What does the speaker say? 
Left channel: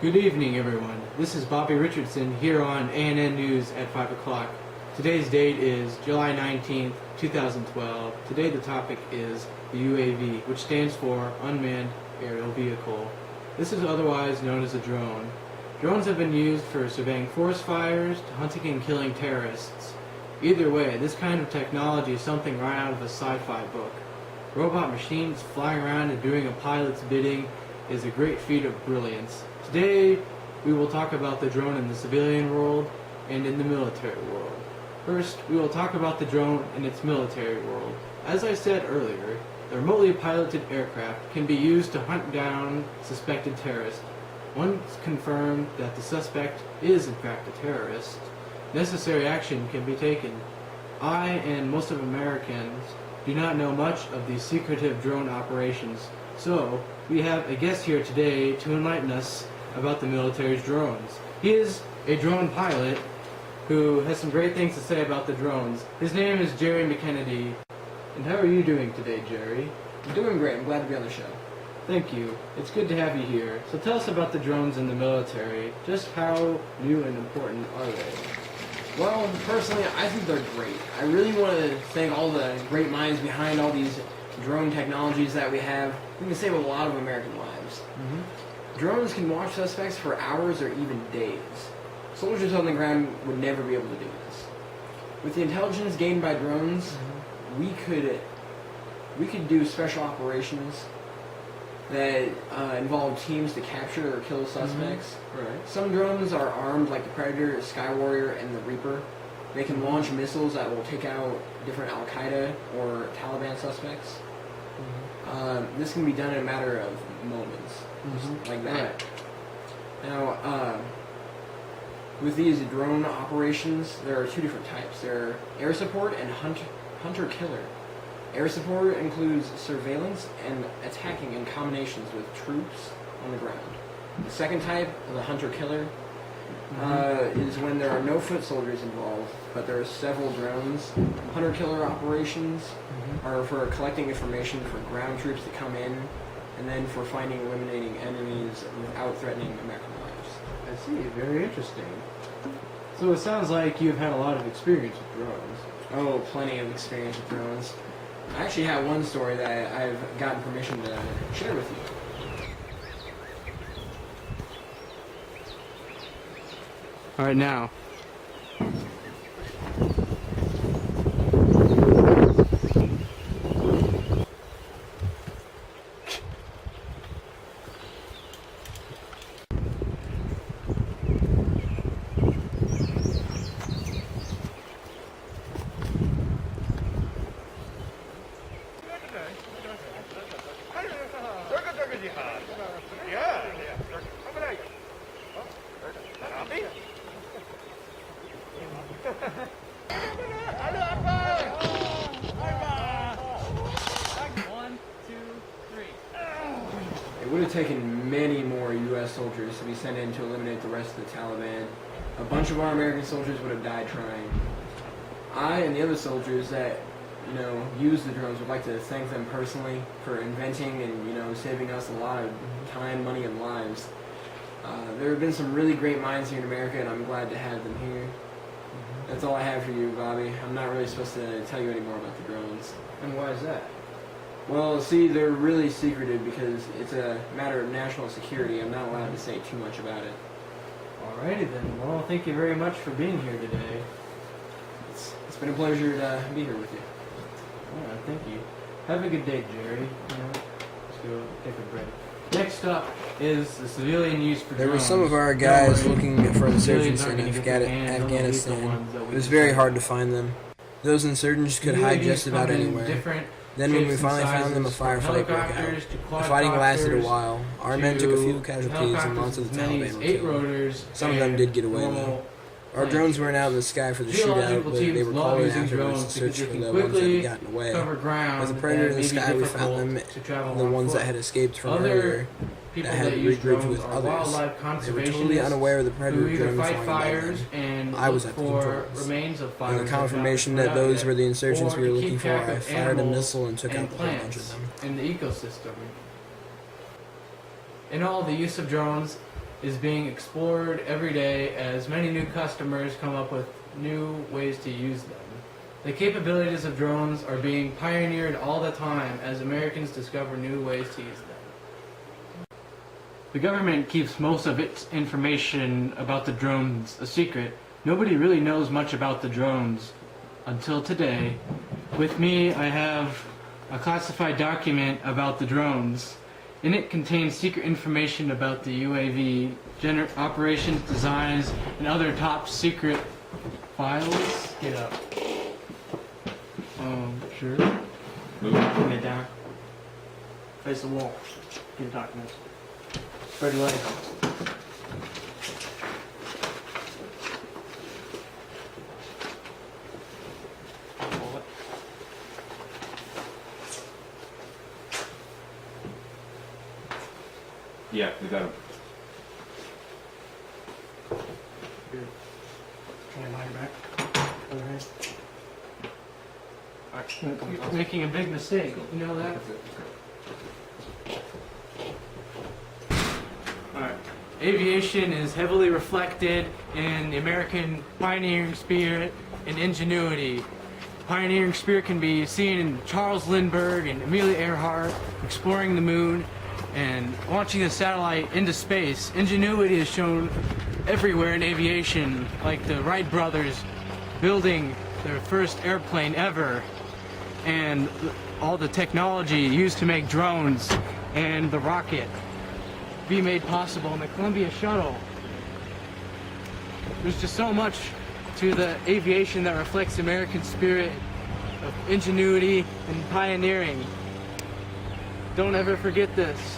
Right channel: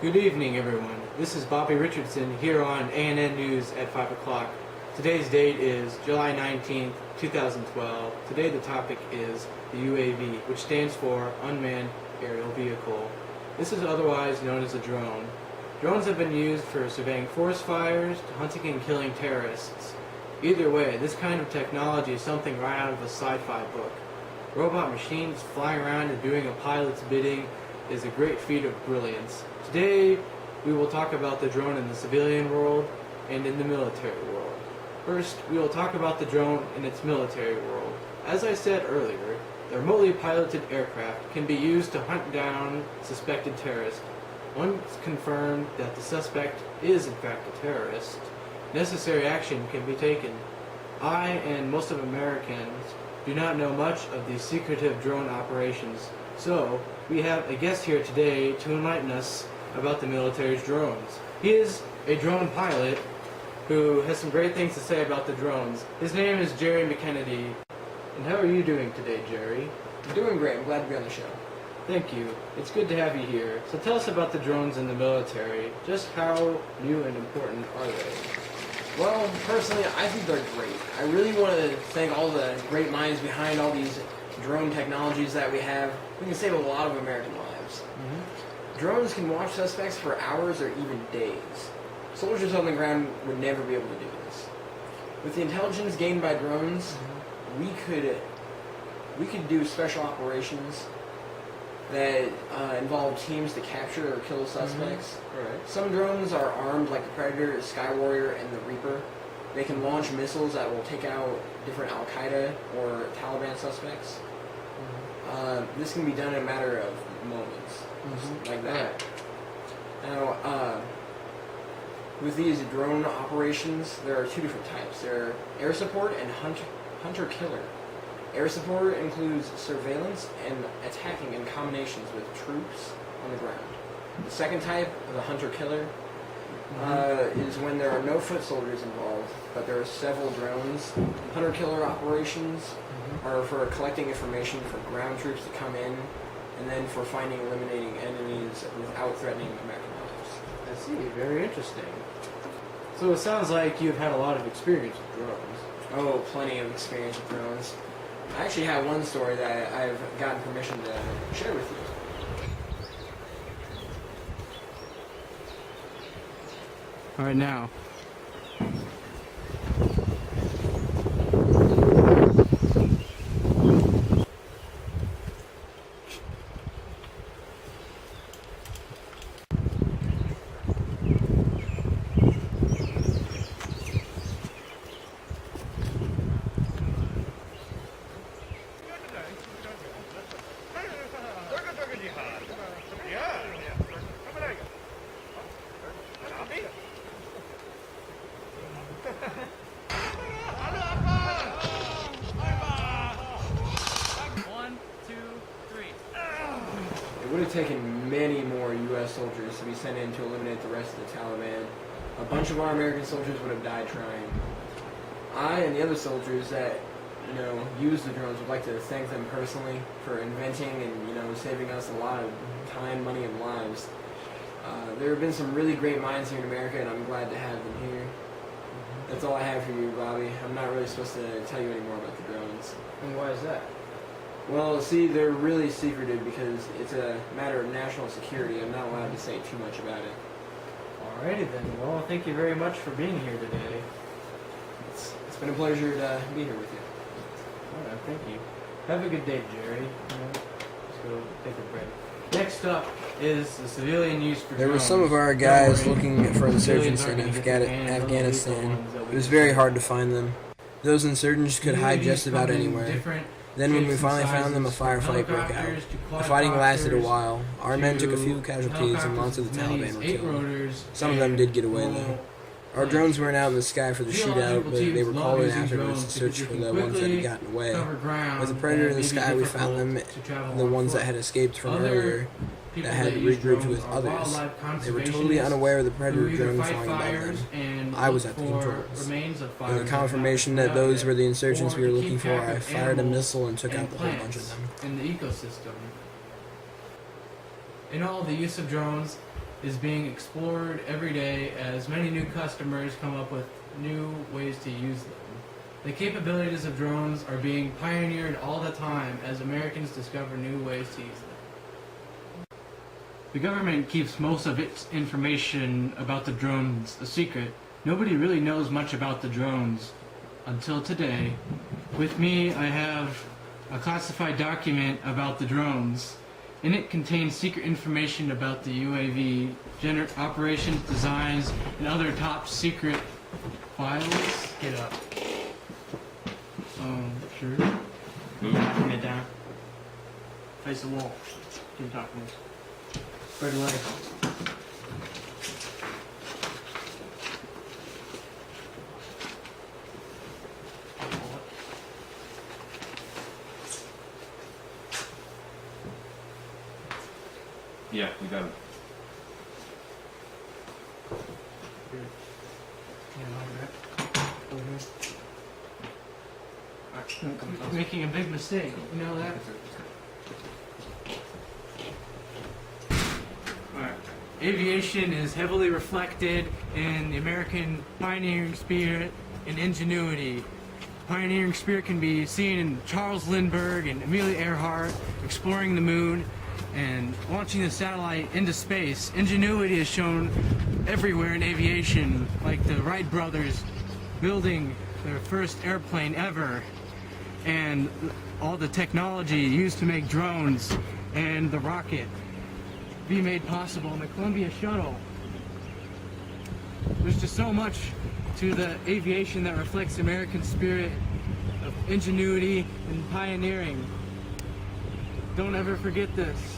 Good evening, everyone. This is Bobby Richardson here on ANN News at 5 o'clock. Today's date is July 19th, 2012. Today the topic is the UAV, which stands for Unmanned Aerial Vehicle. This is otherwise known as a drone. Drones have been used for surveying forest fires to hunting and killing terrorists. Either way, this kind of technology is something right out of a sci-fi book. Robot machines flying around and doing a pilot's bidding is a great feat of brilliance. Today, we will talk about the drone in the civilian world and in the military world. First, we will talk about the drone in its military world. As I said earlier, the remotely piloted aircraft can be used to hunt down suspected terrorists. Once confirmed that the suspect is in fact a terrorist, necessary action can be taken. I and most of Americans do not know much of these secretive drone operations, so we have a guest here today to enlighten us about the military's drones. He is a drone pilot who has some great things to say about the drones. His name is Jerry McKennedy. And how are you doing today, Jerry? I'm doing great. I'm glad to be on the show. Thank you. It's good to have you here. So tell us about the drones in the military. Just how new and important are they? Well, personally, I think they're great. I really want to thank all the great minds behind all these drone technologies that we have. We can save a lot of American lives. Drones can watch suspects for hours or even days. Soldiers on the ground would never be able to do this. With the intelligence gained by drones, we could do special operations that involve teams to capture or kill suspects. Right. Some drones are armed like the Predator, Sky Warrior, and the Reaper. They can launch missiles that will take out different Al-Qaeda or Taliban suspects. This can be done in a matter of moments, just like that. Right. Now, with these drone operations, there are two different types. There are air support and hunter-killer. Air support includes surveillance and attacking in combinations with troops on the ground. The second type, the hunter-killer, is when there are no foot soldiers involved, but there are several drones. Hunter-killer operations are for collecting information for ground troops to come in, and then for finding and eliminating enemies without threatening American lives. I see. Very interesting. So it sounds like you've had a lot of experience with drones. Oh, plenty of experience with drones. I actually have one story that I've gotten permission to share with you. All right, now. One, two, three. It would have taken many more U.S. soldiers to be sent in to eliminate the rest of the Taliban. A bunch of our American soldiers would have died trying. I and the other soldiers that, use the drones would like to thank them personally for inventing and, saving us a lot of time, money, and lives. There have been some really great minds here in America, and I'm glad to have them here. That's all I have for you, Bobby. I'm not really supposed to tell you any more about the drones. And why is that? Well, see, they're really secretive because it's a matter of national security. I'm not allowed to say too much about it. Alrighty then. Well, thank you very much for being here today. It's been a pleasure to be here with you. Alright, thank you. Have a good day, Jerry. Let's go take a break. Next up is the civilian use for drones. There were some of our guys looking for insurgents in Afghanistan. It was very hard to find them. Those insurgents could hide just about anywhere. Then when we finally found them, a firefight broke out. The fighting lasted a while. Our men took a few casualties and lots of the Taliban were killed. Some of them did get away though. Our drones weren't out in the sky for the shootout, but they were called in afterwards to search for the ones that had gotten away. With the Predator in the sky, we found them, the ones that had escaped from earlier, that had regrouped with others. They were totally unaware of the Predator drone flying above them. I was at the controls. With the confirmation that those were the insurgents we were looking for, I fired a missile and took out the whole bunch of them. In the ecosystem. In all, the use of drones is being explored every day as many new customers come up with new ways to use them. The capabilities of drones are being pioneered all the time as Americans discover new ways to use them. The government keeps most of its information about the drones a secret. Nobody really knows much about the drones until today. With me, I have a classified document about the drones. In it contains secret information about the UAV, operations, designs, and other top secret files. Get up. Sure. Move. Bring it down. Face the wall. Get the documents. Spread your legs. Yeah, we got him. Good. Hand on your back. Over here. You're making a big mistake. You know that? Alright. Aviation is heavily reflected in the American pioneering spirit and ingenuity. Pioneering spirit can be seen in Charles Lindbergh and Amelia Earhart exploring the moon and launching the satellite into space. Ingenuity is shown everywhere in aviation, like the Wright brothers building their first airplane ever, and all the technology used to make drones and the rocket be made possible in the Columbia shuttle. There's just so much to the aviation that reflects the American spirit of ingenuity and pioneering. Don't ever forget this.